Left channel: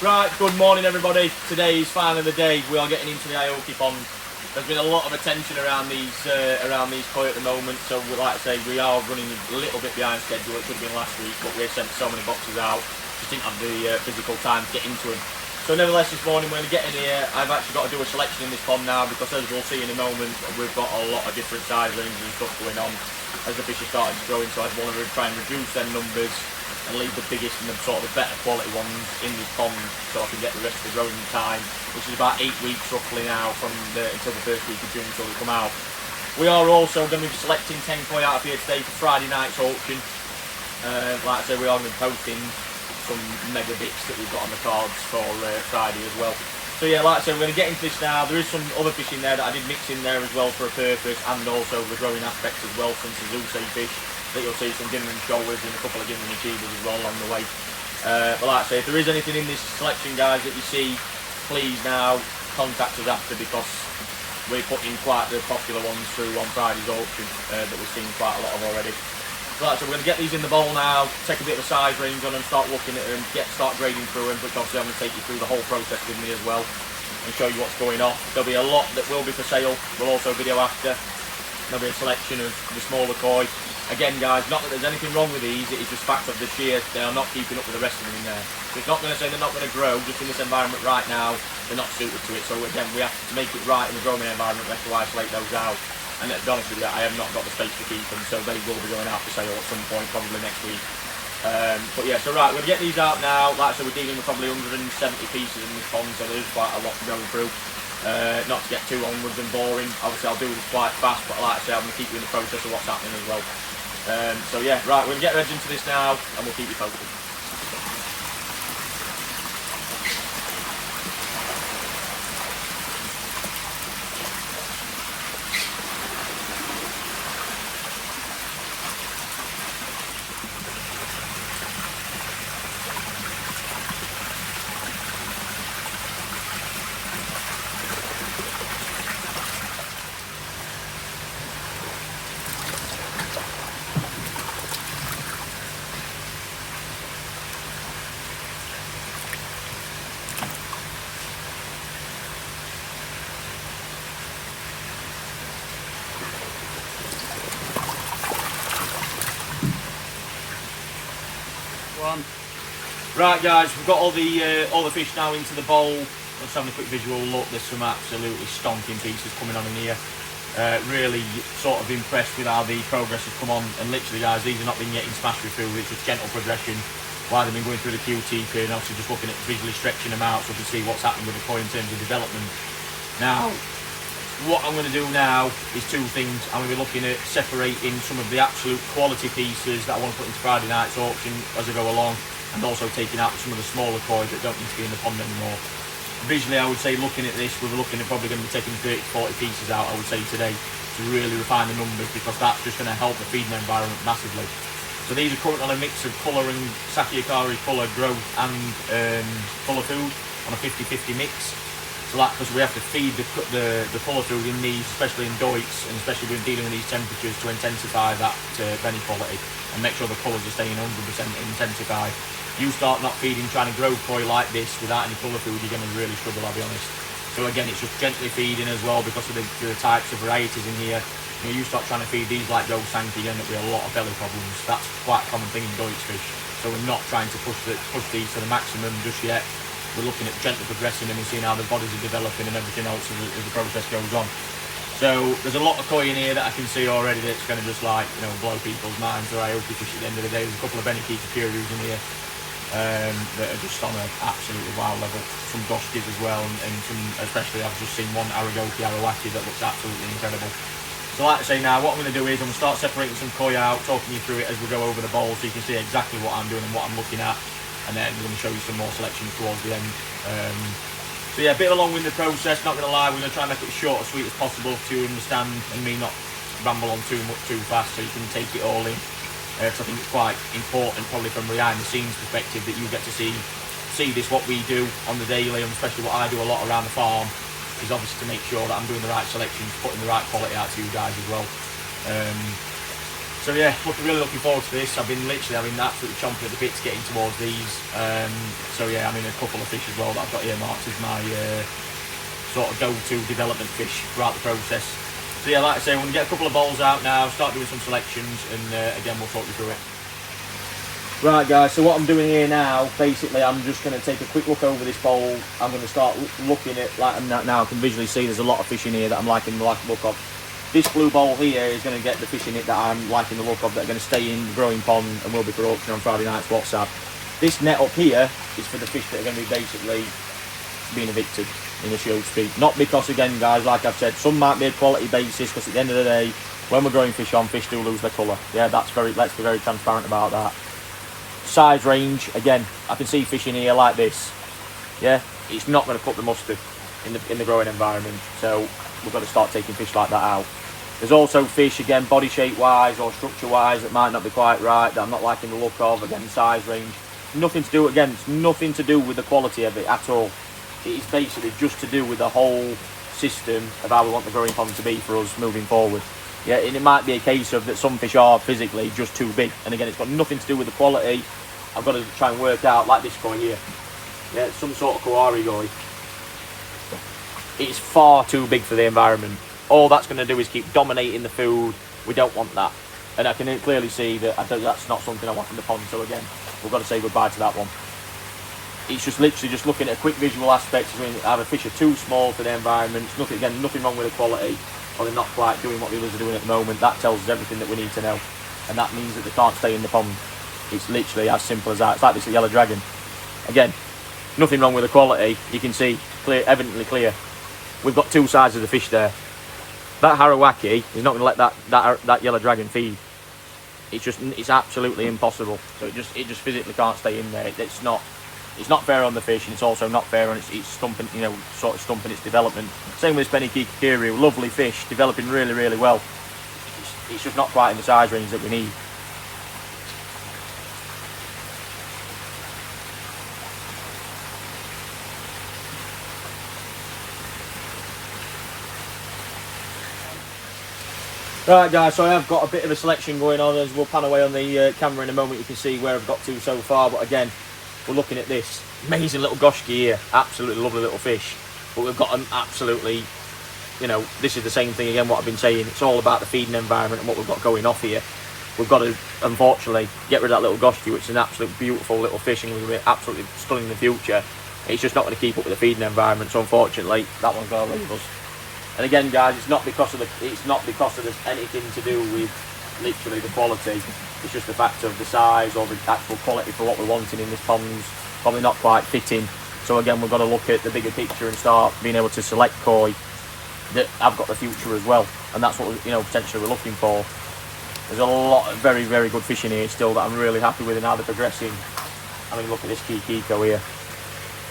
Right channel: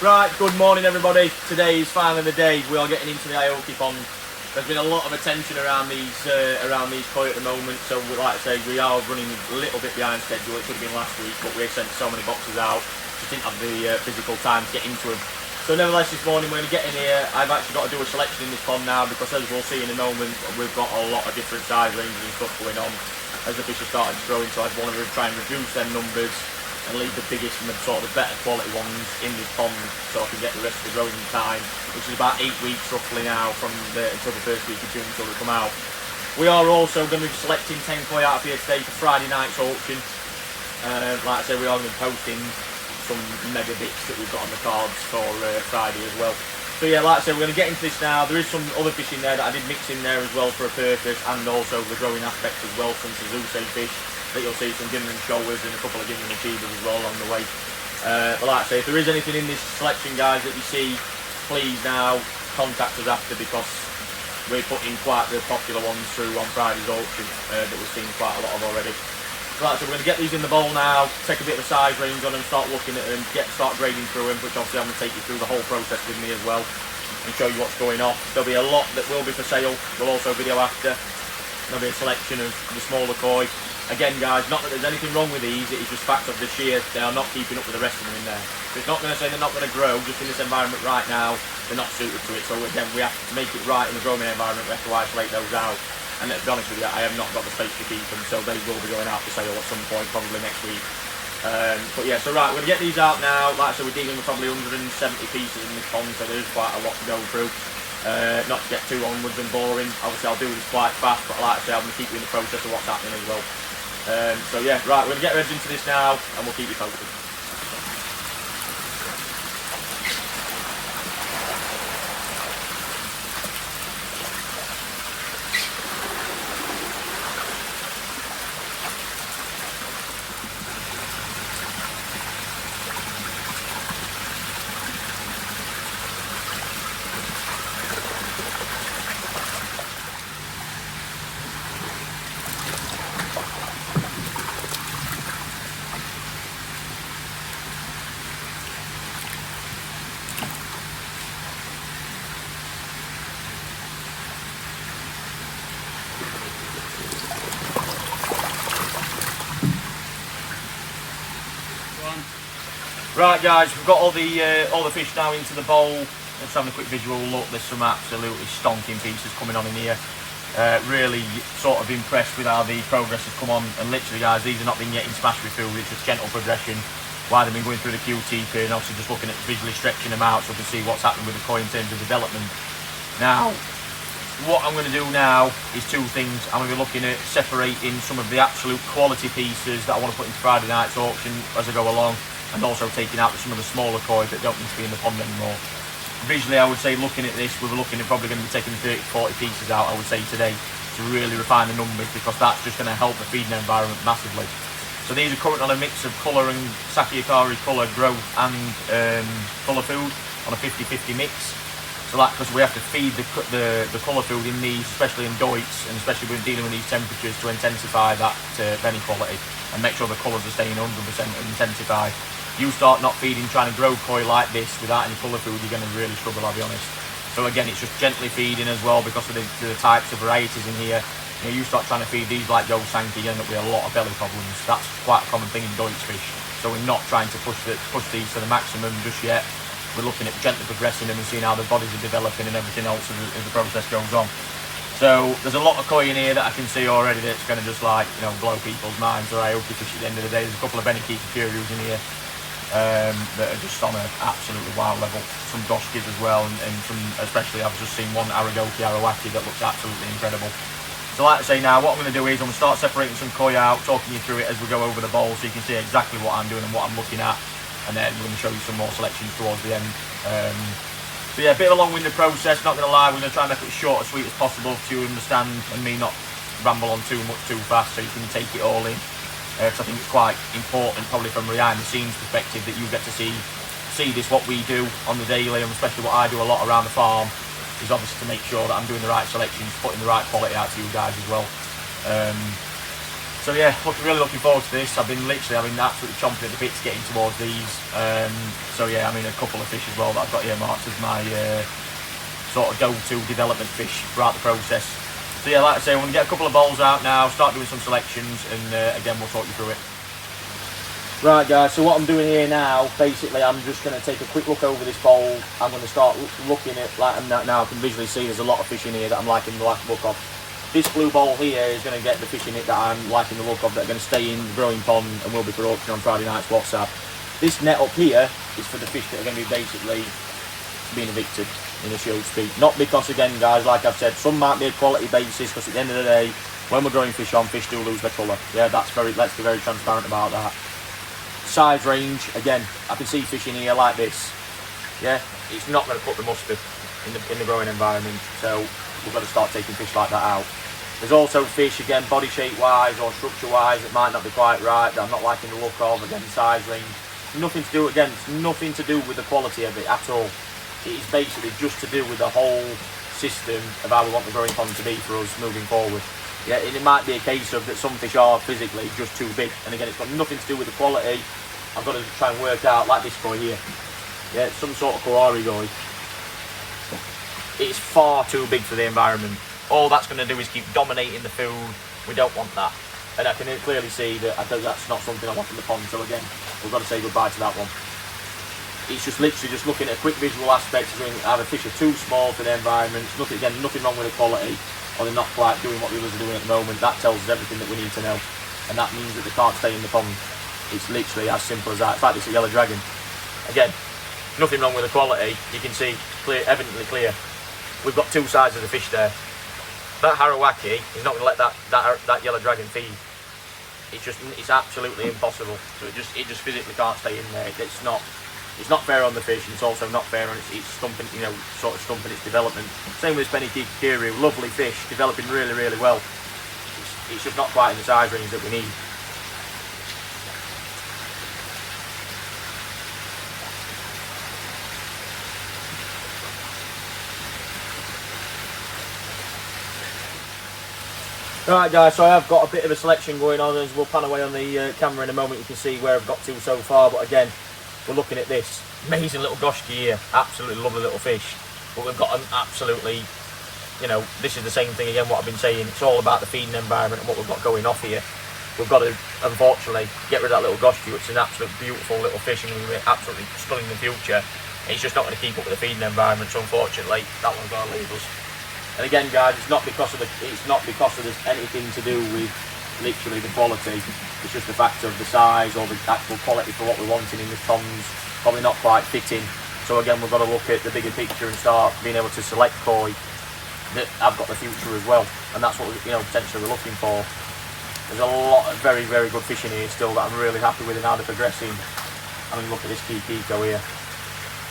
Right, good morning everybody. Today is finally the day we are getting into the Aoki pond. There's been a lot of attention around these koi at the moment, so like I say, we are running a little bit behind schedule. It could have been last week, but we have sent so many boxes out, just didn't have the physical time to get into them. So nevertheless, this morning we're going to get in here. I've actually got to do a selection in this pond now, because as we'll see in a moment, we've got a lot of different size ranges and stuff going on as the fish are starting to grow in, so I want to try and reduce their numbers and leave the biggest and the sort of the better quality ones in this pond, so I can get the rest of the growing time, which is about 8 weeks roughly now until the first week of June until they come out. We are also going to be selecting 10 koi out of here today for Friday night's auction. Like I say, we are going to be posting some mega bits that we've got on the cards for Friday as well. So yeah, like I say, we're going to get into this now. There is some other fish in there that I did mix in there as well for a purpose, and also the growing aspects as well, from some Tosai fish that you'll see, some Ginner and Shoalers and a couple of Ginner and Achievers as well along the way. But like I say, if there is anything in this selection, guys, that you see, please now contact us after, because we're putting quite the popular ones through on Friday's auction that we've seen quite a lot of already. So like I said, we're going to get these in the bowl now, take a bit of a size range on them, start looking at them, start grading through them, which obviously I'm going to take you through the whole process with me as well and show you what's going off. There'll be a lot that will be for sale. We'll also video after. There'll be a selection of the smaller koi. Again, guys, not that there's anything wrong with these, it is just fact of the sheer, they are not keeping up with the rest of them in there. So it's not going to say they're not going to grow, just in this environment right now, they're not suited to it. So again, we have to make it right in the growing environment, we have to isolate those out. And let's be honest with you, I have not got the space to keep them, so they will be going out for sale at some point, probably next week. But yeah, so right, we're going to get these out now. Like I said, we're dealing with probably 170 pieces in this pond, so there is quite a lot to go through. Not to get too onwards and boring, obviously I'll do this quite fast, but like I say, I'm going to keep you in the process of what's happening as well. So yeah, right, we're going to get ready into this now, and we'll keep you posted. Right guys, we've got all the fish now into the bowl. Let's have a quick visual look. There's some absolutely stonking pieces coming on in here. Really sort of impressed with how the progress has come on, and literally guys, these have not been getting smashed with food, it's just gentle progression while they've been going through the QT period, and obviously just looking at visually stretching them out so we can see what's happening with the koi in terms of development. Now, what I'm going to do now is two things. I'm going to be looking at separating some of the absolute quality pieces that I want to put into Friday night's auction as I go along, and also taking out some of the smaller koi that don't need to be in the pond anymore. Visually, I would say, looking at this, we're looking at probably going to be taking 30 to 40 pieces out, I would say, today, to really refine the numbers, because that's just going to help the feeding environment massively. So these are currently on a mix of colour and Sakiakari colour growth and colour food on a 50-50 mix. So that, because we have to feed the colour food in these, especially in doits, and especially when dealing with these temperatures, to intensify that benny quality and make sure the colours are staying 100% intensified. You start not feeding, trying to grow koi like this without any colour food, you're going to really struggle, I'll be honest. So again, it's just gently feeding as well, because of the types of varieties in here. You start trying to feed these like Joe Sankey, you end up with a lot of belly problems. That's quite a common thing in doits fish. So we're not trying to push these to the maximum just yet. We're looking at gently progressing them and seeing how the bodies are developing and everything else as the process goes on. So there's a lot of koi in here that I can see already that's going to just, like, you know, blow people's minds. Or Aoki fish at the end of the day. There's a couple of Beniki Kakirus in here that are just on an absolutely wild level. Some Doshkis as well, and some, especially I've just seen one Aragoki Arawaki that looks absolutely incredible. So like I say, now what I'm going to do is I'm going to start separating some koi out, talking you through it as we go over the bowl, so you can see exactly what I'm doing and what I'm looking at, and then we're going to show you some more selections towards the end. So yeah, a bit of a long-winded process, not going to lie. We're going to try and make it as short and sweet as possible to understand, and me not ramble on too much too fast, so you can take it all in. Because I think it's quite important, probably from a behind-the-scenes perspective, that you get to see this, what we do on the daily, and especially what I do a lot around the farm, is obviously to make sure that I'm doing the right selections, putting the right quality out to you guys as well. So So yeah, really looking forward to this. I've been absolutely chomping at the bits getting towards these. So yeah, I mean a couple of fish as well that I've got earmarked as my sort of go-to development fish throughout the process. So yeah, like I say, we're going to get a couple of bowls out now, start doing some selections, and again we'll talk you through it. Right guys, so what I'm doing here now, basically I'm just going to take a quick look over this bowl. I'm going to start looking at, like now I can visually see there's a lot of fish in here that I'm liking the look of. This blue bowl here is going to get the fish in it that I'm liking the look of, that are going to stay in the growing pond and will be for auction on Friday night's WhatsApp. This net up here is for the fish that are going to be basically being evicted, in a so to speak. Not because, again guys, like I've said, some might be a quality basis, because at the end of the day, when we're growing fish on, fish do lose their colour. Yeah, let's be very transparent about that. Size range, again, I can see fish in here like this. Yeah, it's not going to put the mustard in the growing environment, so we've got to start taking fish like that out. There's also fish, again, body shape wise or structure wise, that might not be quite right, that I'm not liking the look of. Again, size range, nothing to do, again, it's nothing to do with the quality of it at all. It is basically just to do with the whole system of how we want the growing pond to be for us moving forward. Yeah, and it might be a case of that some fish are physically just too big, and again, it's got nothing to do with the quality. I've got to try and work out, like this koi here. Yeah, some sort of kawari koi. It's far too big for the environment. All that's going to do is keep dominating the food. We don't want that. And I can clearly see that that's not something I want in the pond. So again, we've got to say goodbye to that one. It's just literally just looking at a quick visual aspect of either fish are too small for the environment. It's nothing wrong with the quality, or they're not quite doing what the others are doing at the moment. That tells us everything that we need to know. And that means that they can't stay in the pond. It's literally as simple as that. It's like this yellow dragon. Again, nothing wrong with the quality. You can see evidently clear. We've got two sides of the fish there. That Harawaki is not going to let that yellow dragon feed. It's absolutely impossible. So it just physically can't stay in there. It's not fair on the fish, and it's also not fair on its stumping, sort of stumping its development. Same with this Benny Kikiriu, lovely fish, developing really, really well. It's just not quite in the size range that we need. Right guys, so I have got a bit of a selection going on, as we'll pan away on the camera in a moment. You can see where I've got to so far, but again, we're looking at this amazing little goshki here, absolutely lovely little fish, but we've got them absolutely, this is the same thing again what I've been saying. It's all about the feeding environment and what we've got going off here. We've got to, unfortunately, get rid of that little goshki, which is an absolute beautiful little fish and will be absolutely stunning in the future. It's just not going to keep up with the feeding environment, so unfortunately that one's going to leave us. And again guys, it's not because of there's anything to do with literally the quality. It's just the fact of the size or the actual quality for what we're wanting in the ponds probably not quite fitting. So again, we're going to look at the bigger picture and start being able to select koi that have got the future as well. And that's what potentially we're looking for. There's a lot of very, very good fish in here still that I'm really happy with and how they're progressing. I mean, look at this Kikiko here.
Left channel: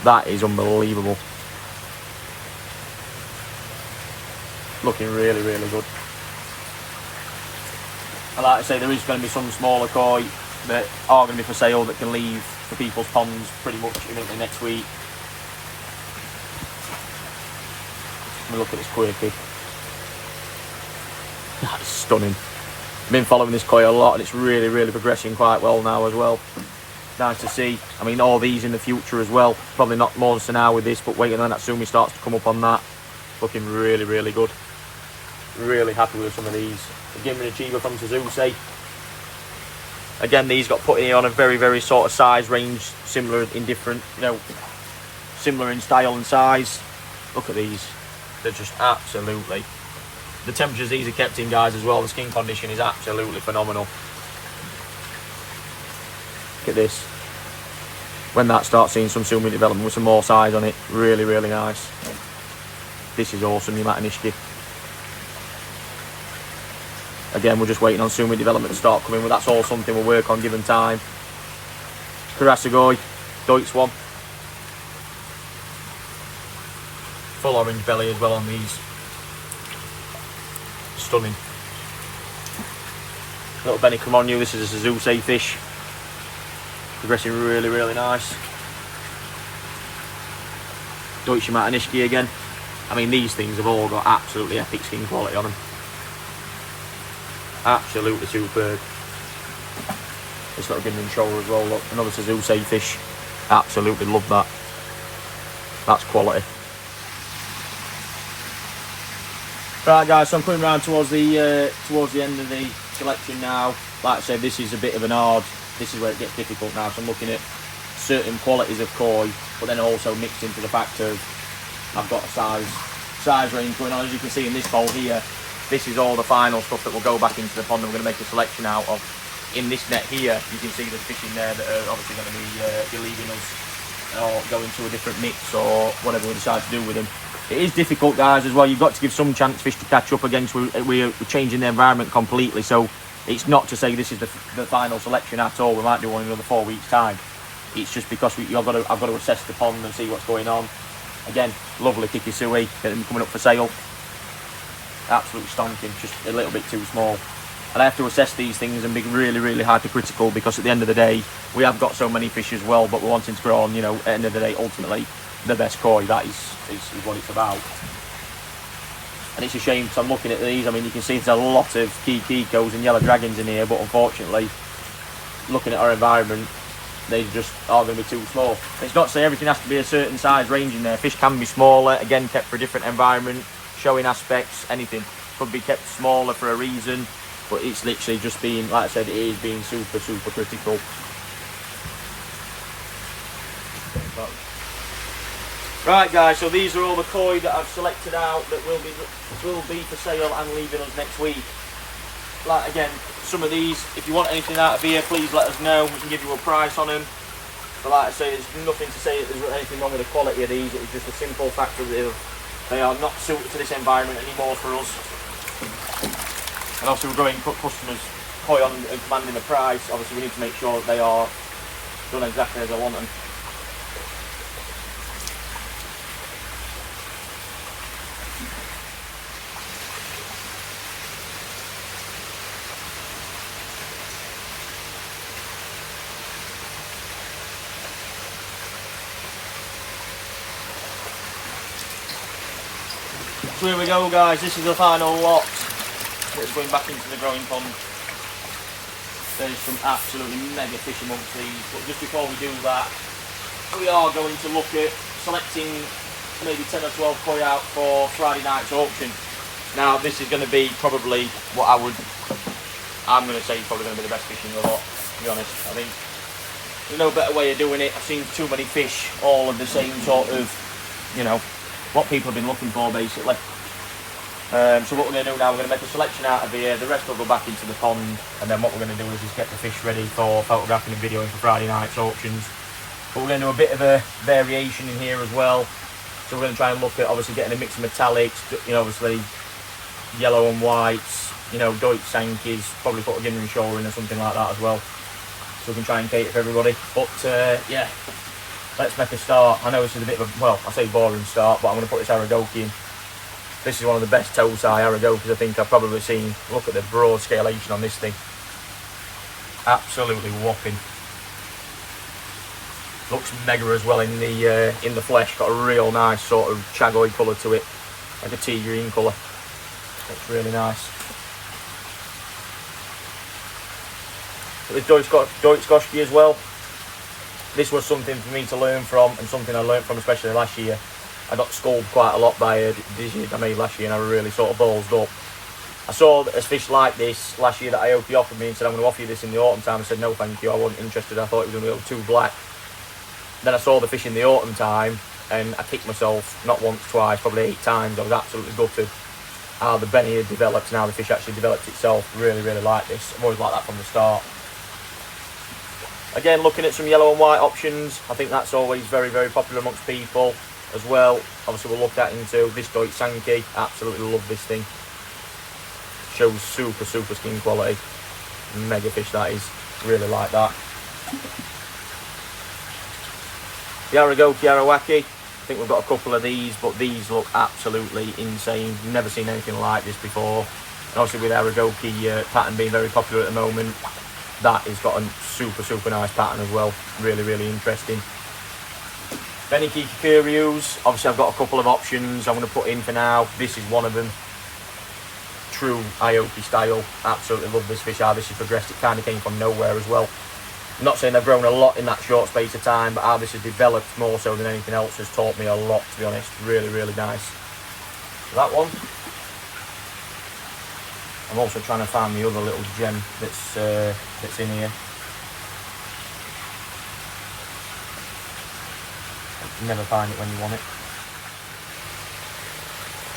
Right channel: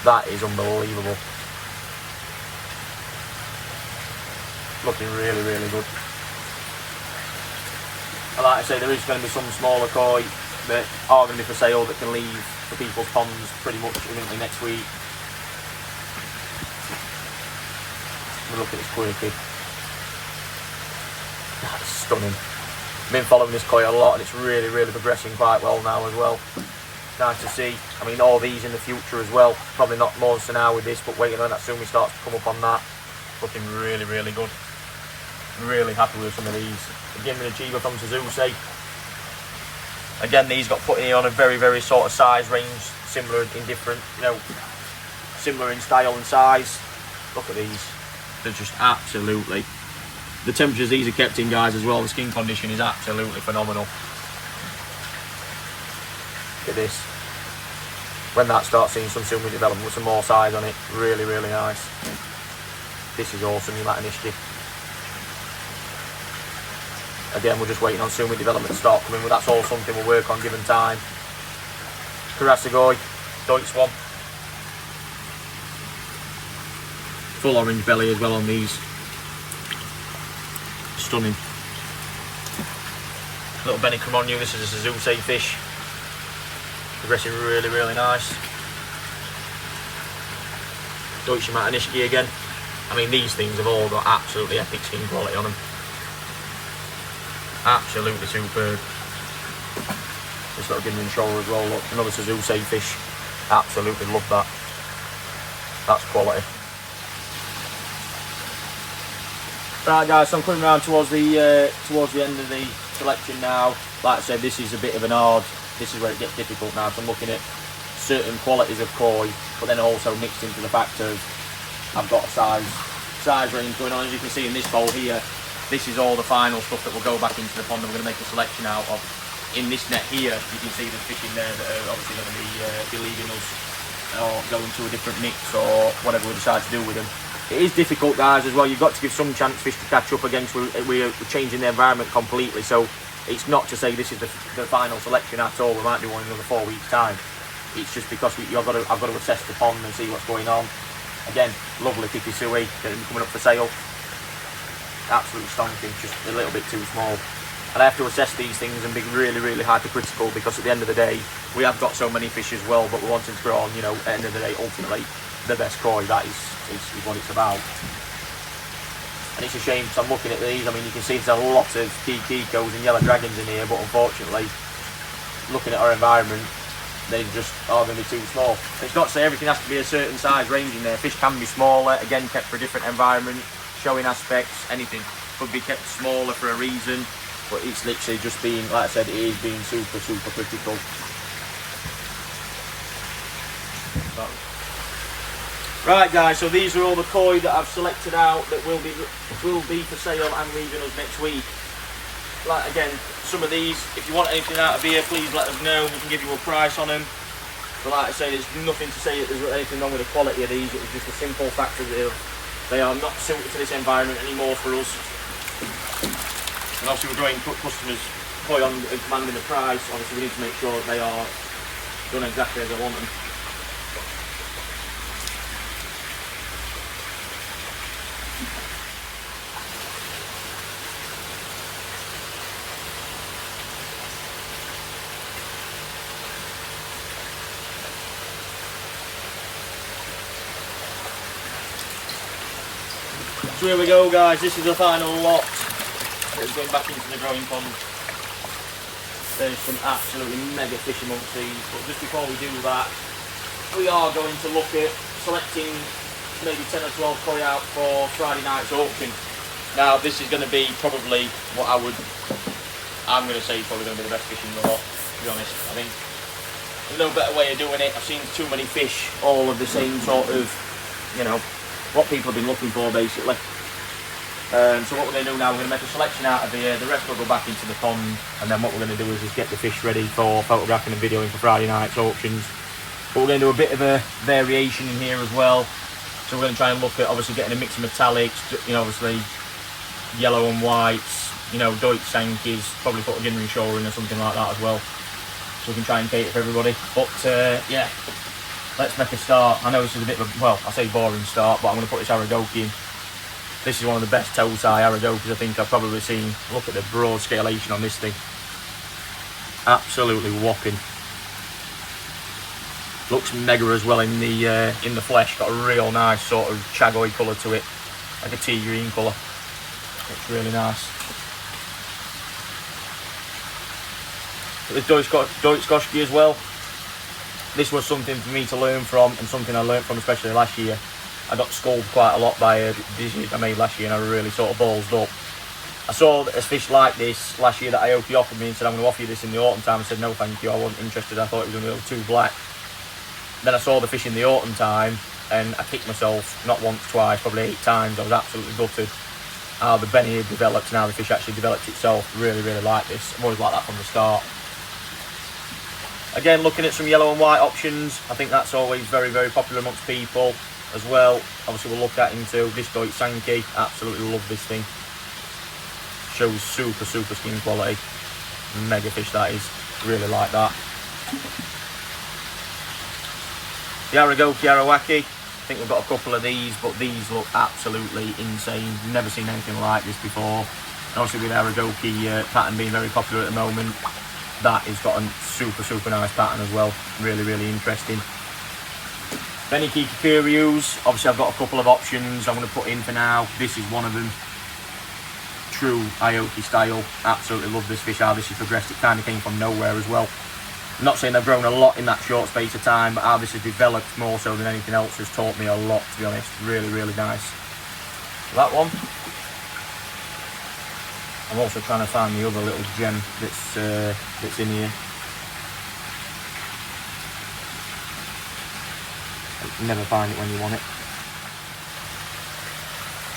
That is unbelievable. Looking really, really good. And like I say, there is going to be some smaller koi that are going to be for sale that can leave for people's ponds pretty much next week. Look at this quirky. Stunning. I've been following this koi a lot, and it's really, really progressing quite well now as well. Nice to see. I mean, all these in the future as well. Probably not more than an hour with this, but waiting on that soon starts to come up on that. Looking really, really good. Really happy with some of these. The Gimmer Chiba from Tosai. Again, these got put in on a very, very sort of size range, similar in different, similar in style and size. Look at these. They're just absolutely. The temperatures these are kept in, guys, as well. The skin condition is absolutely phenomenal. Look at this. When that starts seeing some sumi development with some more size on it, really, really nice. This is awesome, you Matanishki. Again, we're just waiting on sumi development to start coming, but that's all something we'll work on given time. Karasagoi, Deutsch one. Full orange belly as well on these. Stunning. Little Benny Cremonio, this is a Zusei fish. Progressing really, really nice. Deutsch Matanishki again. I mean, these things have all got absolutely epic skin quality on them. Absolutely superb. Just got a given shoulder as well. Look, another Tosai fish. Absolutely love that. That's quality. Right guys, so I'm coming round towards the end of the selection now. Like I said, this is a bit of an hard. This is where it gets difficult now. So I'm looking at certain qualities of koi, but then also mixed into the fact of I've got a size range going on. As you can see in this bowl here, this is all the final stuff that will go back into the pond. I'm going to make a selection out of. In this net here, you can see there's fish in there that are obviously going to be leaving us or going to a different mix or whatever we decide to do with them. It is difficult, guys, as well. You've got to give some chance fish to catch up against. We're changing the environment completely, so it's not to say this is the final selection at all. We might do one in another 4 weeks' time. It's just because I've got to assess the pond and see what's going on. Again, lovely Kikisui, getting coming up for sale. Absolutely stonking, just a little bit too small. And I have to assess these things and be really, really hypercritical, because at the end of the day, we have got so many fish as well, but we're wanting to grow on, you know, at the end of the day, ultimately, the best koi. That is what it's about. And it's a shame, because I'm looking at these, I mean, you can see there's a lot of Kikos and yellow dragons in here, but unfortunately, looking at our environment, they just are going to be too small. It's not to say everything has to be a certain size range in there. Fish can be smaller, again, kept for a different environment, showing aspects, anything. Could be kept smaller for a reason. But it's literally just being, like I said, it is being super, super critical. Right guys, so these are all the koi that I've selected out that will be for sale and leaving us next week. Like again, some of these, if you want anything out of here, please let us know. We can give you a price on them. But like I say, there's nothing to say that there's anything wrong with the quality of these. It's just a simple fact that they are not suited to this environment anymore for us. And obviously we're going to put customers koi on and commanding the price. Obviously we need to make sure that they are done exactly as I want them. So here we go guys, this is the final lot. It's going back into the growing pond. There's some absolutely mega fish amongst these, but just before we do that, we are going to look at selecting maybe 10 or 12 koi out for Friday night's auction. Now this is going to be probably what I'm going to say is probably going to be the best fish in the lot, to be honest. I think there's no better way of doing it. I've seen too many fish, all of the same sort of, you know, what people have been looking for basically. So what we're going to do now, we're going to make a selection out of the rest will go back into the pond, and then what we're going to do is just get the fish ready for photographing and videoing for Friday night's auctions. But we're going to do a bit of a variation in here as well. So we're going to try and look at obviously getting a mix of metallics, you know, obviously yellow and whites, you know, Deutsch Sankies, probably put a Ginnery Shore in or something like that as well. So we can try and cater for everybody. But yeah, let's make a start. I know this is a bit of a, well, I say boring start, but I'm going to put this Aoki in. This is one of the best Tosai Aoki I think I've probably seen. Look at the broad scalation on this thing. Absolutely whopping. Looks mega as well in the flesh. Got a real nice sort of chagoid colour to it, like a tea green colour. Looks really nice. With Deutsch Goshki as well. This was something for me to learn from, and something I learned from especially last year. I got scolded quite a lot by a decision I made last year, and I really sort of ballsed up. I saw a fish like this last year that Aoki offered me and said, I'm going to offer you this in the autumn time. I said, no thank you, I wasn't interested. I thought it was going to go too black. Then I saw the fish in the autumn time, and I kicked myself not once, twice, probably 8 times. I was absolutely gutted how the Benny had developed and how the fish actually developed itself. Really, really like this. I've always liked that from the start. Again, looking at some yellow and white options, I think that's always very, very popular amongst people as well. Obviously we'll look at into this Deutsch Sanki. Absolutely love this thing. Shows super, super skin quality. Mega fish that is. Really like that. The Aoki, I think we've got a couple of these, but these look absolutely insane. Never seen anything like this before. And obviously with Aoki pattern being very popular at the moment, that has got a super, super nice pattern as well. Really, really interesting. Benny Kikikuryus, obviously I've got a couple of options I'm going to put in for now. This is one of them. true Aoki style. Absolutely love this fish, how this has progressed. It kind of came from nowhere as well. I'm not saying they've grown a lot in that short space of time, but how this has developed more so than anything else has taught me a lot, to be honest. Really, really nice. That one. I'm also trying to find the other little gem that's in here. You never find it when you want it.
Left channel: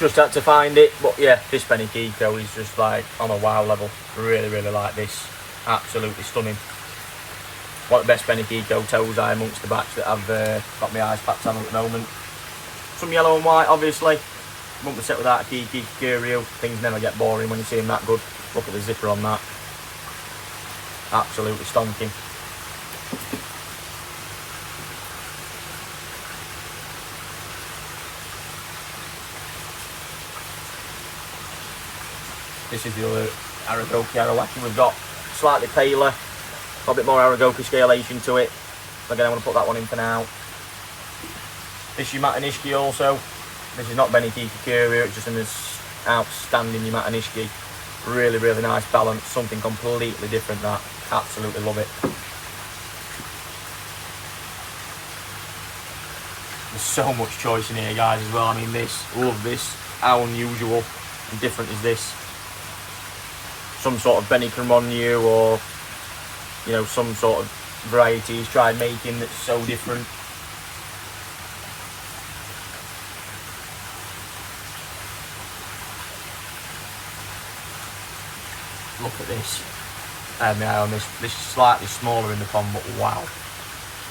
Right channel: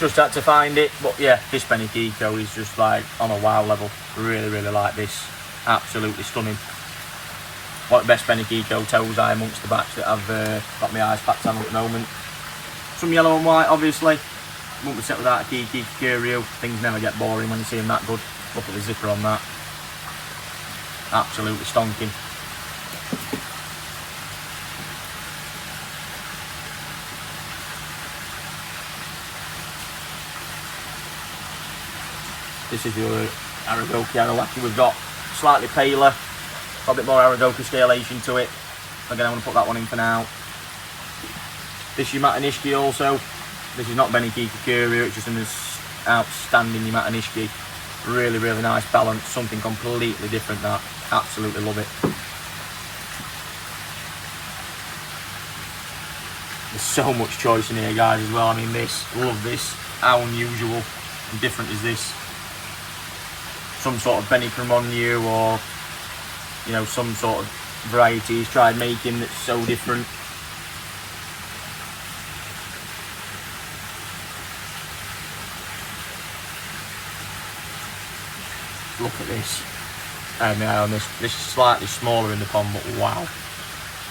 Just had to find it, but yeah, this penny Kiko is just like on a wow level. Really, really like this. Absolutely stunning. One of the best penny Kiko Tosai amongst the batch that I've got my eyes packed on at the moment. Some yellow and white, obviously. Wouldn't be set without a Kiki Curio. Things never get boring when you see them that good. Look at the zipper on that. Absolutely stonking. This is the other Aoki Arawaki we've got. Slightly paler. Got a bit more Aoki scalation to it. Again, I'm going to put that one in for now. This Yamatanishi also. This is not Benny Kiki Curio, it's just an outstanding Yamatanishi. Really, really nice balance. Something completely different that. Absolutely love it. There's so much choice in here, guys, as well. I mean, love this. How unusual and different is this? Some sort of Benny Cremonio or, you know, some sort of variety he's tried making that's so different. Look at this. On this is slightly smaller in the pond, but wow.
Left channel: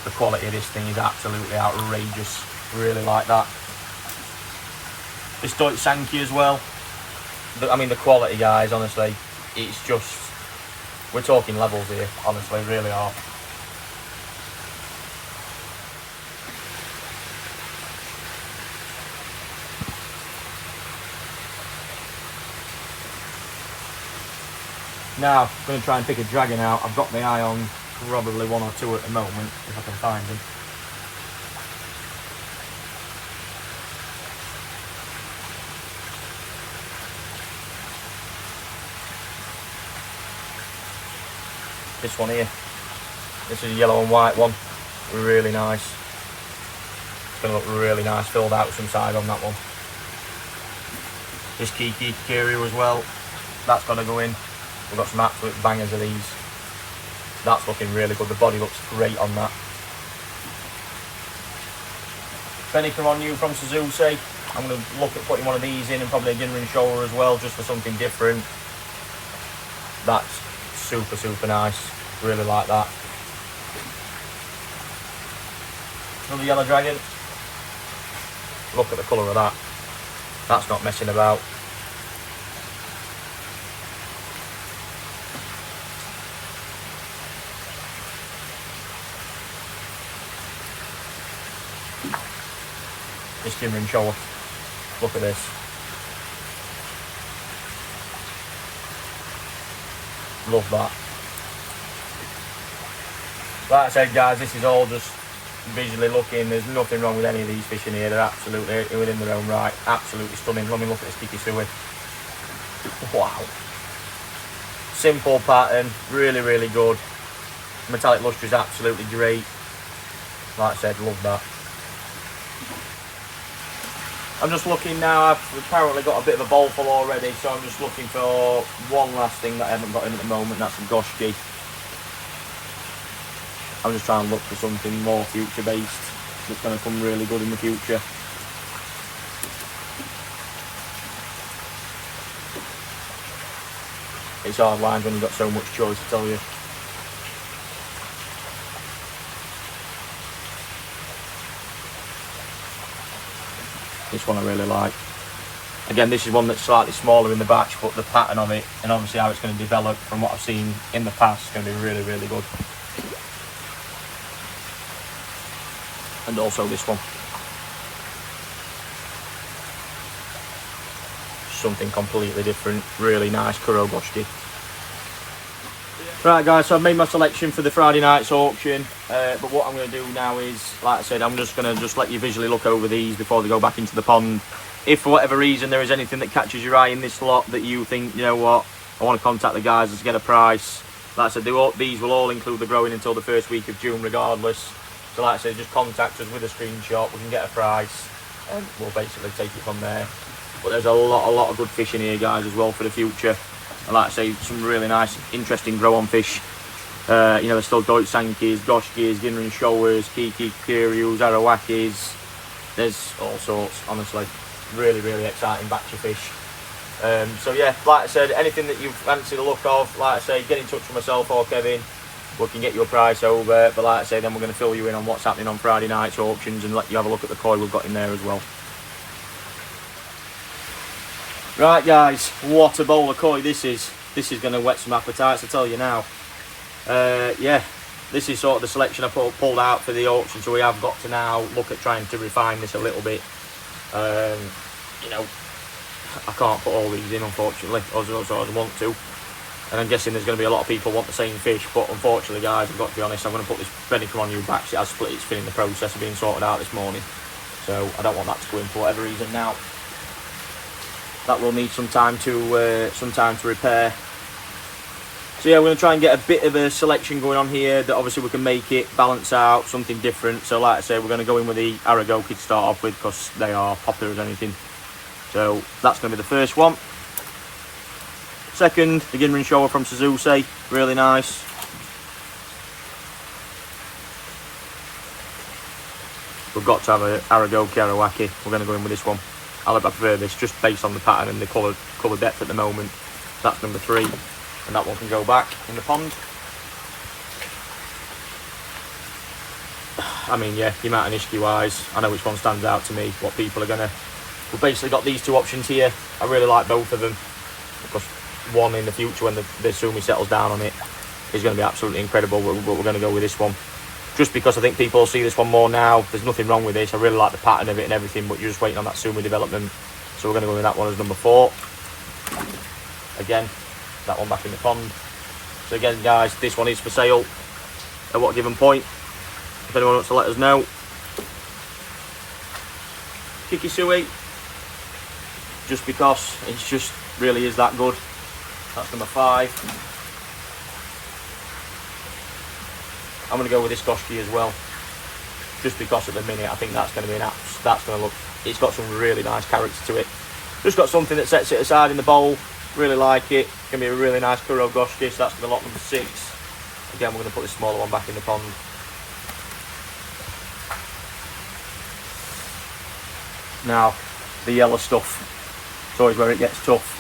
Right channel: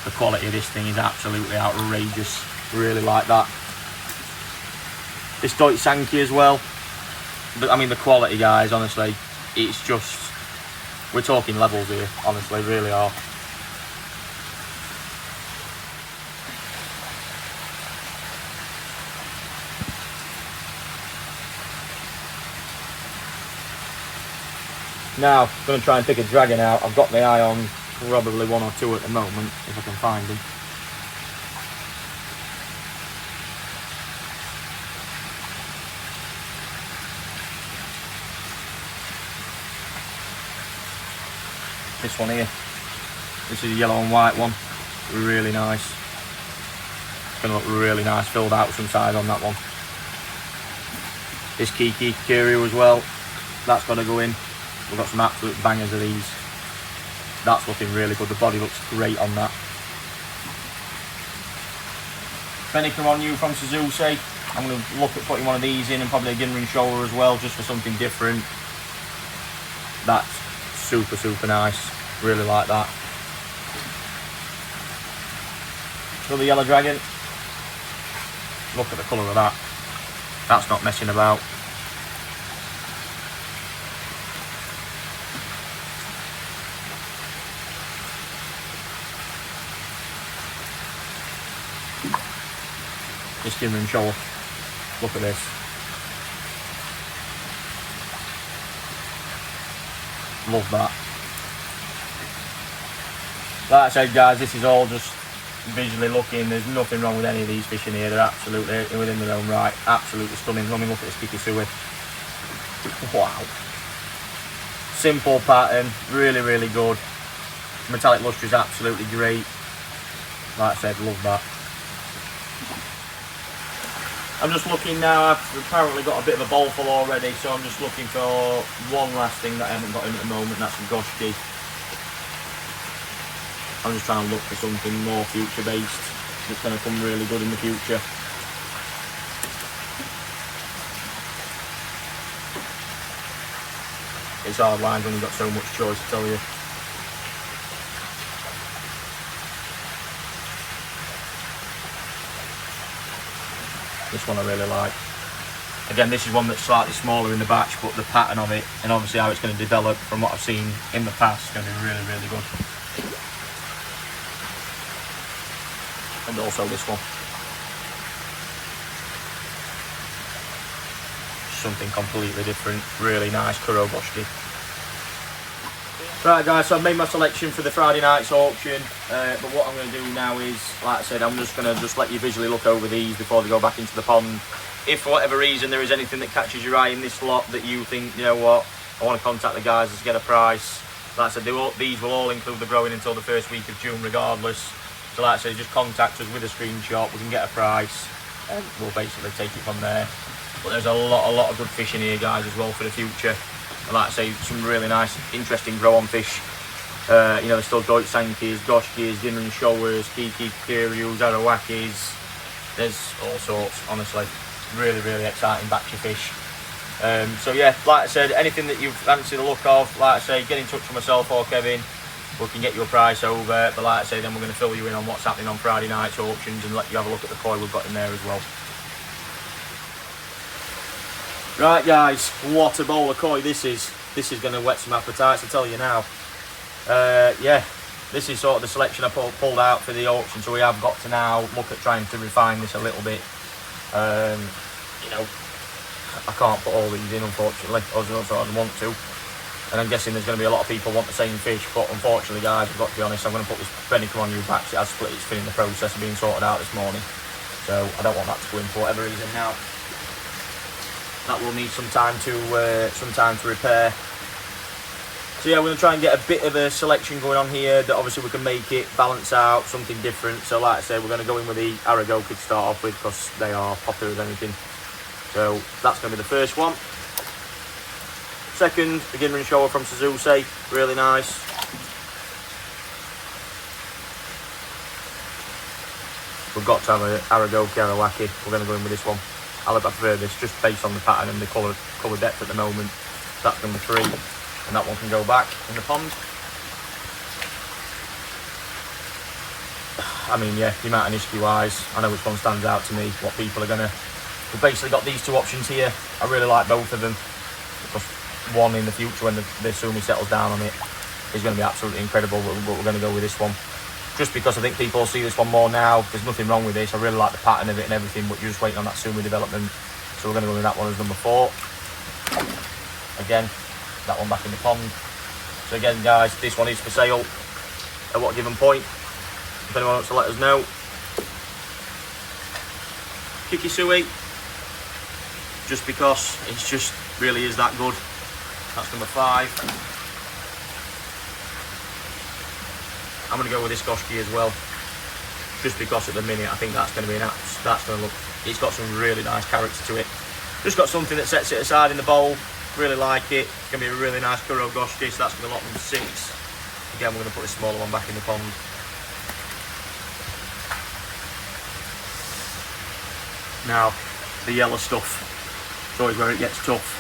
The quality of this thing is absolutely outrageous. Really like that. This Tosai as well. I mean, the quality, guys, honestly, it's just, we're talking levels here, honestly, really are. Now, I'm going to try and pick a dragon out. I've got my eye on probably one or two at the moment, if I can find them. This one here. This is a yellow and white one. Really nice. It's going to look really nice, filled out some side on that one. This Kiki Curio as well. That's got to go in. We've got some absolute bangers of these. That's looking really good. The body looks great on that. Benny Cremonio from Suzuki. I'm going to look at putting one of these in and probably a Ginrin shoulder as well, just for something different. That's super, super nice. Really like that. Another yellow dragon. Look at the colour of that. That's not messing about. This Ginrin shoulder. Look at this. Love that. Like I said, guys, this is all just visually looking. There's nothing wrong with any of these fish in here. They're absolutely within their own right. Absolutely stunning. Let me look at this Kikisui. Wow. Simple pattern. Really, really good. Metallic lustre is absolutely great. Like I said, love that. I'm just looking now. I've apparently got a bit of a bowl full already, so I'm just looking for one last thing that I haven't got in at the moment. That's a goshki. I'm just trying to look for something more future based that's going to come really good in the future. It's hard lines when you've got so much choice, I tell you. This one I really like. Again, this is one that's slightly smaller in the batch, but the pattern of it and obviously how it's going to develop from what I've seen in the past is going to be really, really good. And also this one. Something completely different. Really nice Kurogoshki. Right guys, so I've made my selection for the Friday night's auction, but what I'm going to do now is, like I said, I'm just going to let you visually look over these before they go back into the pond. If for whatever reason there is anything that catches your eye in this lot that you think, you know what, I want to contact the guys to get a price, like I said, these will all include the growing until the first week of June regardless. So like I said, just contact us with a screenshot, we can get a price, and we'll basically take it from there. But there's a lot of good fish in here guys as well for the future. And like I say, some really nice, interesting grow-on fish. You know, there's still Sankis, Goshkis, Ginman Showers, Kiki Curios, Arawakis. There's all sorts, honestly. Really exciting batch of fish. So yeah, like I said, anything that you fancy the look of, like I say, get in touch with myself or Kevin. We can get you a price over. But like I say, then we're going to fill you in on what's happening on Friday night's auctions and let you have a look at the koi we've got in there as well. Right guys, what a bowl of koi this is. This is going to whet some appetites, I tell you now. Yeah, this is sort of the selection I pulled out for the auction, so we have got to now look at trying to refine this a little bit. You know, I can't put all these in unfortunately, as I'd want to. And I'm guessing there's going to be a lot of people want the same fish, but unfortunately guys, I've got to be honest, I'm going to put this Bennycle on you back. It has split its fin in the process of being sorted out this morning. So I don't want that to go in for whatever reason now. That will need some time to repair. So yeah, we're going to try and get a bit of a selection going on here that obviously we can make it balance out, something different. So like I said, we're going to go in with the Aoki to start off with because they are popular as anything. So that's going to be the first one. Second, the Ginman Shower from Tosai, really nice. We've got to have an Aoki. We're going to go in with this one. I prefer this just based on the pattern and the colour depth at the moment. That's number 3, and that one can go back in the pond. I mean, yeah, the amount of Nishiki wise, I know which one stands out to me, what people are gonna. We've basically got these two options here. I really like both of them. Because one in the future when the Sumi settles down on it is going to be absolutely incredible, but we're going to go with this one. Just because I think people will see this one more now. There's nothing wrong with this. I really like the pattern of it and everything, but you're just waiting on that Sumi development. So we're going to go with that one as number 4. Again, that one back in the pond. So again, guys, this one is for sale. At what given point? If anyone wants to let us know. Kikisui. Just because it just really is that good. That's number 5. I'm going to go with this Goshki as well, just because at the minute I think that's going to be that's going to look, it's got some really nice character to it. Just got something that sets it aside in the bowl, really like it. It's going to be a really nice Kuro Goshki, so that's going to lock number 6. Again, we're going to put this smaller one back in the pond. Now, the yellow stuff, it's always where it gets tough.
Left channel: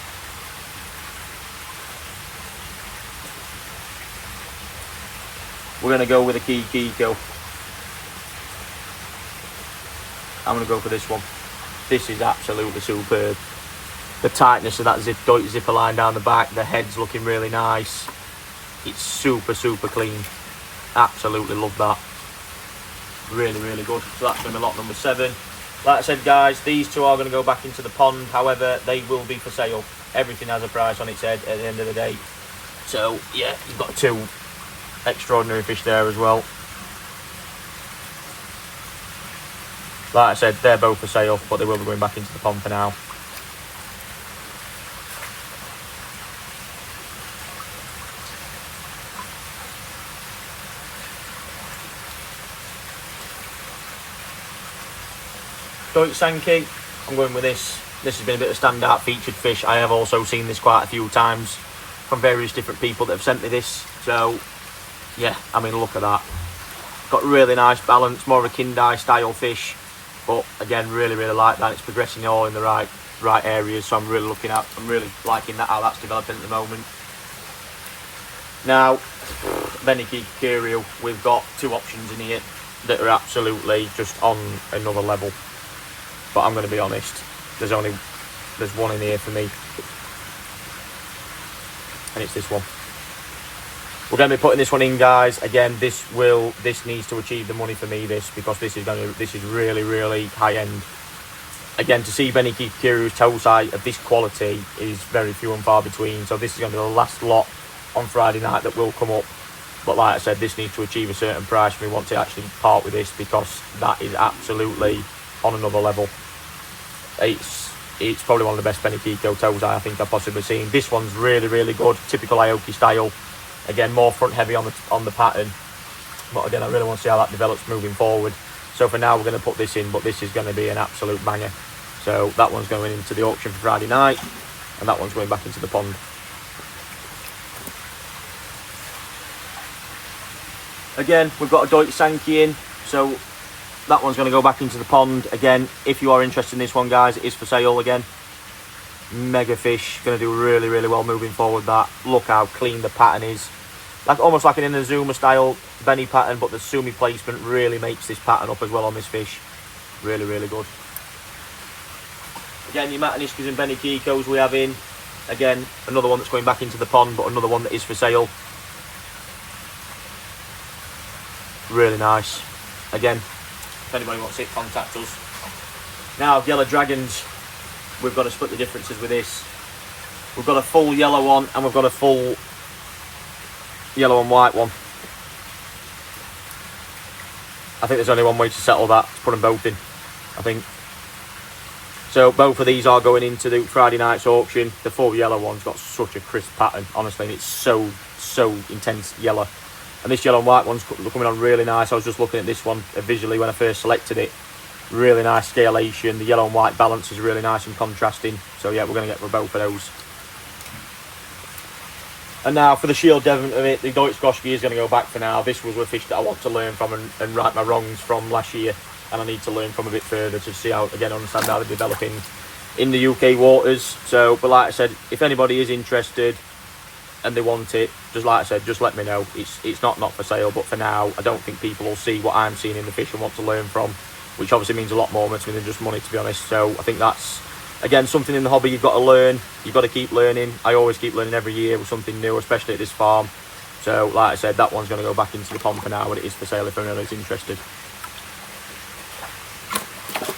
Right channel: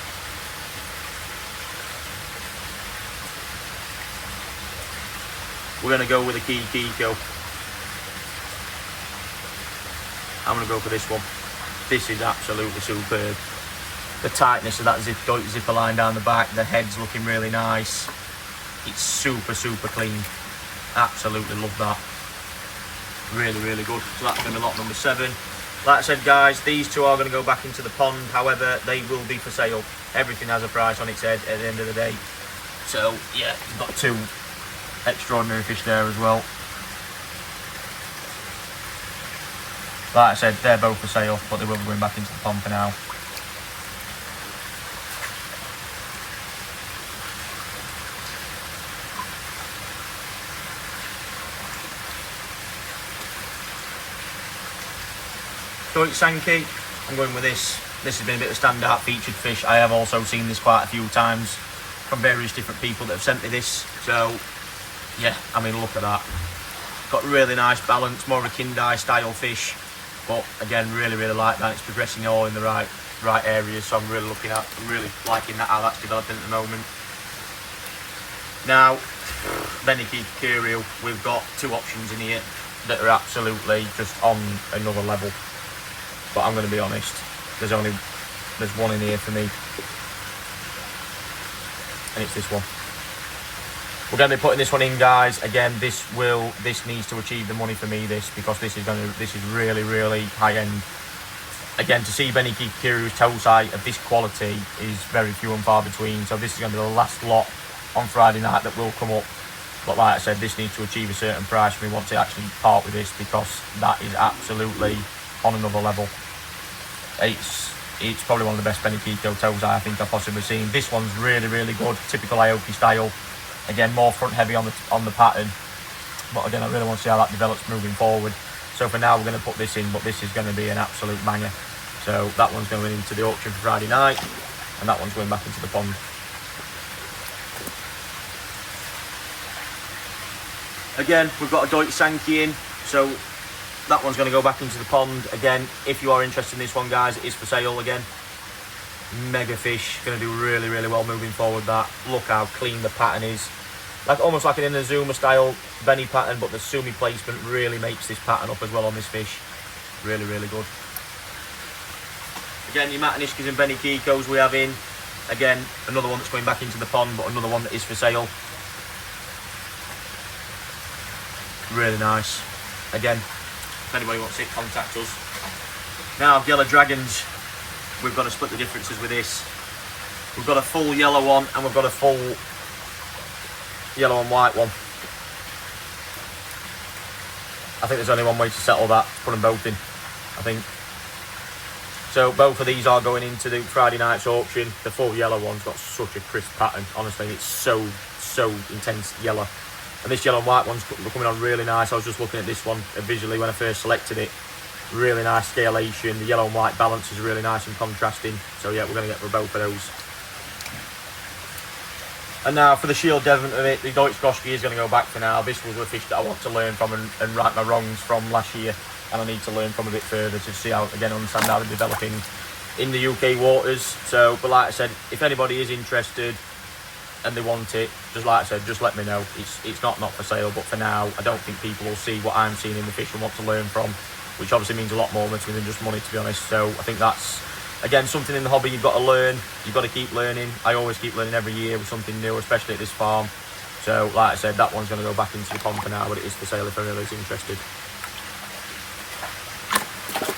We're going to go with a Kiko. I'm going to go for this one. This is absolutely superb. The tightness of that zipper line down the back, the head's looking really nice. It's super clean. Absolutely love that. Really good. So that's going to be lot number 7. Like I said, guys, these two are going to go back into the pond. However, they will be for sale. Everything has a price on its head at the end of the day. So yeah, you've got 2 extraordinary fish there as well. Like I said, they're both for sale, but they will be going back into the pond for now. Sanki, I'm going with this. This has been a bit of a standout featured fish. I have also seen this quite a few times from various different people that have sent me this. So yeah, I mean, look at that. Got really nice balance, more of a Kindai style fish, but again, really like that. It's progressing all in the right areas, so I'm really liking that, how that's developing at the moment. Now, Beniki Curio, we've got 2 options in here that are absolutely just on another level. But I'm going to be honest, there's one in here for me, and it's this one. We're going to be putting this one in, guys. Again, this needs to achieve the money for me, because this is really high end. Again, to see Benny Kiru's Tosai of this quality is very few and far between. So this is going to be the last lot on Friday night that will come up. But like I said, this needs to achieve a certain price for me want to actually part with this, because that is absolutely on another level. It's probably one of the best Benny Kiko toes I think I've possibly seen. This one's really, really good, typical Aoki style. Again, more front heavy on the pattern. But again, I really want to see how that develops moving forward. So for now, we're going to put this in, but this is going to be an absolute banger. So that one's going into the auction for Friday night, and that one's going back into the pond. Again, we've got a Deutsche Sankey in, so that one's going to go back into the pond. Again, if you are interested in this one, guys, it is for sale again. Mega fish, going to do really, really well moving forward. That, look how clean the pattern is. Like almost like an Inazuma style Benny pattern, but the Sumi placement really makes this pattern up as well on this fish. Really, really good. Again, the Matanishkas and Benny Kikos we have in. Again, another one that's going back into the pond, but another one that is for sale. Really nice. Again, if anybody wants it, contact us. Now, yellow dragons, we've got to split the differences with this. We've got a full yellow one, and we've got a full yellow and white one. I think there's only one way to settle that, to put them both in, I think. So both of these are going into the Friday night's auction. The full yellow one's got such a crisp pattern, honestly. It's so intense yellow. And this yellow and white one's coming on really nice. I was just looking at this one visually when I first selected it. Really nice scalation. The yellow and white balance is really nice and contrasting. So yeah, we're going to get both of those. And now for the Shield Devon of it, the Deutsche Goschke is going to go back for now. This was a fish that I want to learn from and right my wrongs from last year. And I need to learn from a bit further to see how, again, understand how they're developing in the UK waters. So, but like I said, if anybody is interested and they want it, just like I said, just let me know. It's not for sale, but for now, I don't think people will see what I'm seeing in the fish and want to learn from, which obviously means a lot more to me than just money, to be honest. So I think that's, again, something in the hobby you've got to learn. You've got to keep learning. I always keep learning every year with something new, especially at this farm. So, like I said, that one's going to go back into the pond for now, but it is for sale if anybody's interested.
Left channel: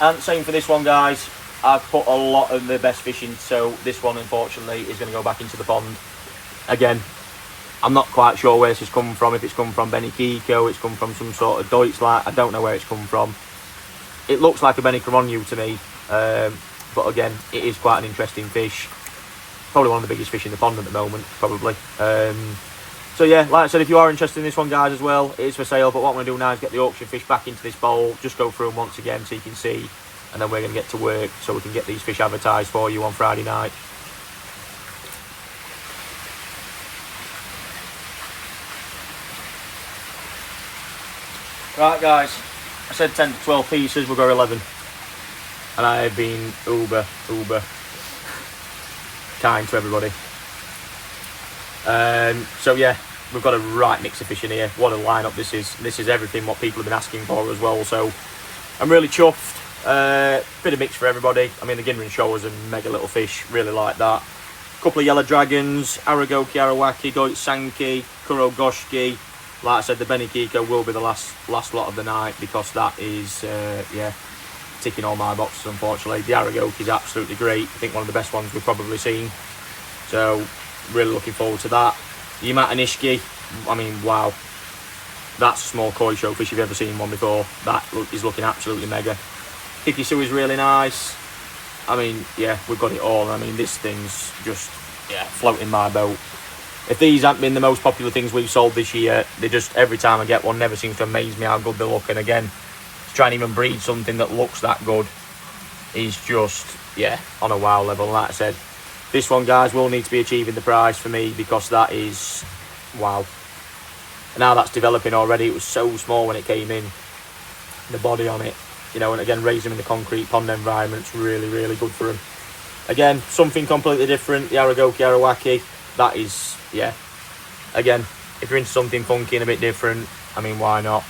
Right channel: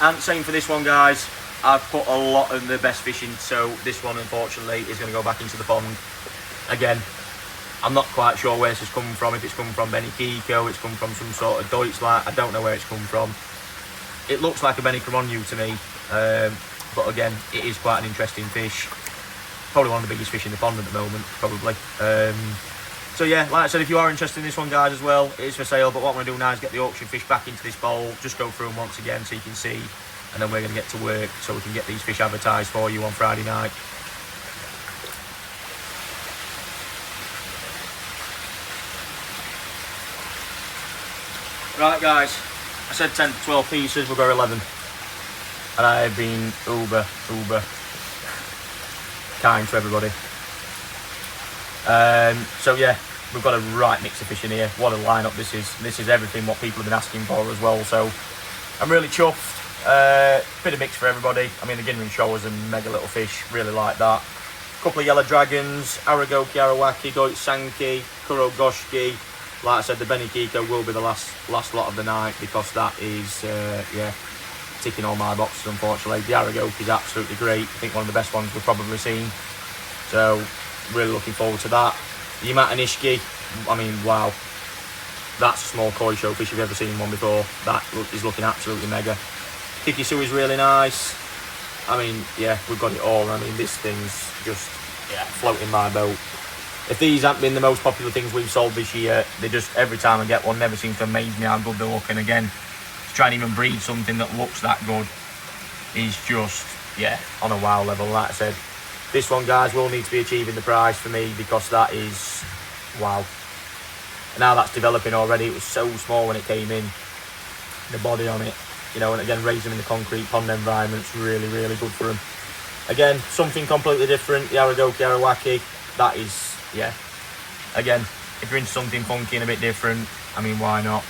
And same for this one, guys. I've put a lot of the best fish in, so this one, unfortunately, is going to go back into the pond. Again, I'm not quite sure where this has come from. If it's come from Benny Kiko, it's come from some sort of Deutschland. I don't know where it's come from. It looks like a Benny Caronu to me, but again, it is quite an interesting fish. Probably one of the biggest fish in the pond at the moment, probably. So yeah, like I said, if you are interested in this one, guys, as well, it is for sale. But what I'm going to do now is get the auction fish back into this bowl, just go through them once again so you can see, and then we're going to get to work so we can get these fish advertised for you on Friday night. Right, guys, I said 10 to 12 pieces, we'll go 11. And I have been uber kind to everybody. So yeah, we've got a right mix of fish in here. What a lineup this is. This is everything what people have been asking for as well. So I'm really chuffed. Bit of mix for everybody. I mean, the Ginrin Showers and mega little fish, really like that. Couple of yellow dragons, Aoki, Arawaki, Deutsche Sankey, Kuro Goschke. Like I said, the Benny Kiko will be the last lot of the night, because that is, yeah, ticking all my boxes, unfortunately. The Aoki is absolutely great. I think one of the best ones we've probably seen. So, really looking forward to that. The Matanishki, I mean, wow. That's a small koi showfish if you've ever seen one before. That is looking absolutely mega. Kikisui is really nice. I mean, yeah, we've got it all. I mean, this thing's just, yeah, floating my boat. If these haven't been the most popular things we've sold this year, they just, every time I get one, never seems to amaze me how good they look. And again, to try and even breed something that looks that good is just, yeah, on a wow level. Like I said, this one, guys, will need to be achieving the price for me, because that is, wow. Now that's developing already. It was so small when it came in, the body on it, you know, and again, raising in the concrete pond environment's really, really good for them. Again, something completely different, the Aoki, Arawaki, that is, yeah. Again, if you're into something funky and a bit different, I mean, why not?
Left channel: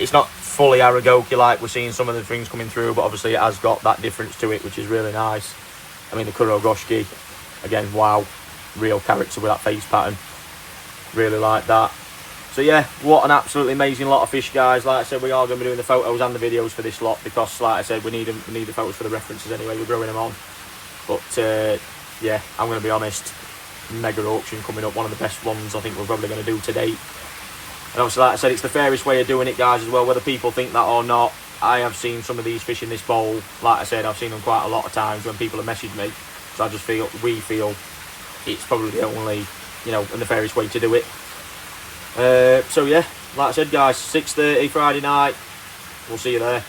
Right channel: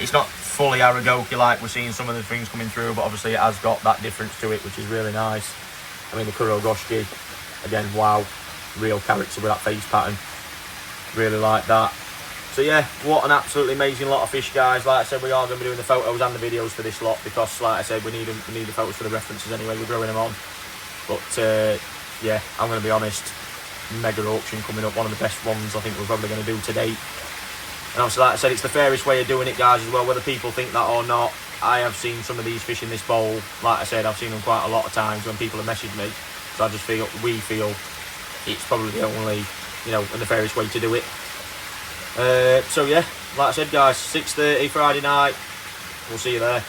It's not fully Aoki like we're seeing some of the things coming through, but obviously it has got that difference to it, which is really nice. I mean, the Kuro Goschke, again, wow, real character with that face pattern. Really like that. So yeah, what an absolutely amazing lot of fish, guys. Like I said, we are going to be doing the photos and the videos for this lot, because, like I said, we need the photos for the references anyway. We're growing them on. But yeah, I'm going to be honest. mega auction coming up, one of the best ones I think we're probably going to do to date. And obviously, like I said, it's the fairest way of doing it, guys, as well, whether people think that or not. I have seen some of these fish in this bowl. Like I said, I've seen them quite a lot of times when people have messaged me. So I just feel, we feel, it's probably the only, you know, and the fairest way to do it. So yeah, like I said, guys, 6:30 Friday night. We'll see you there.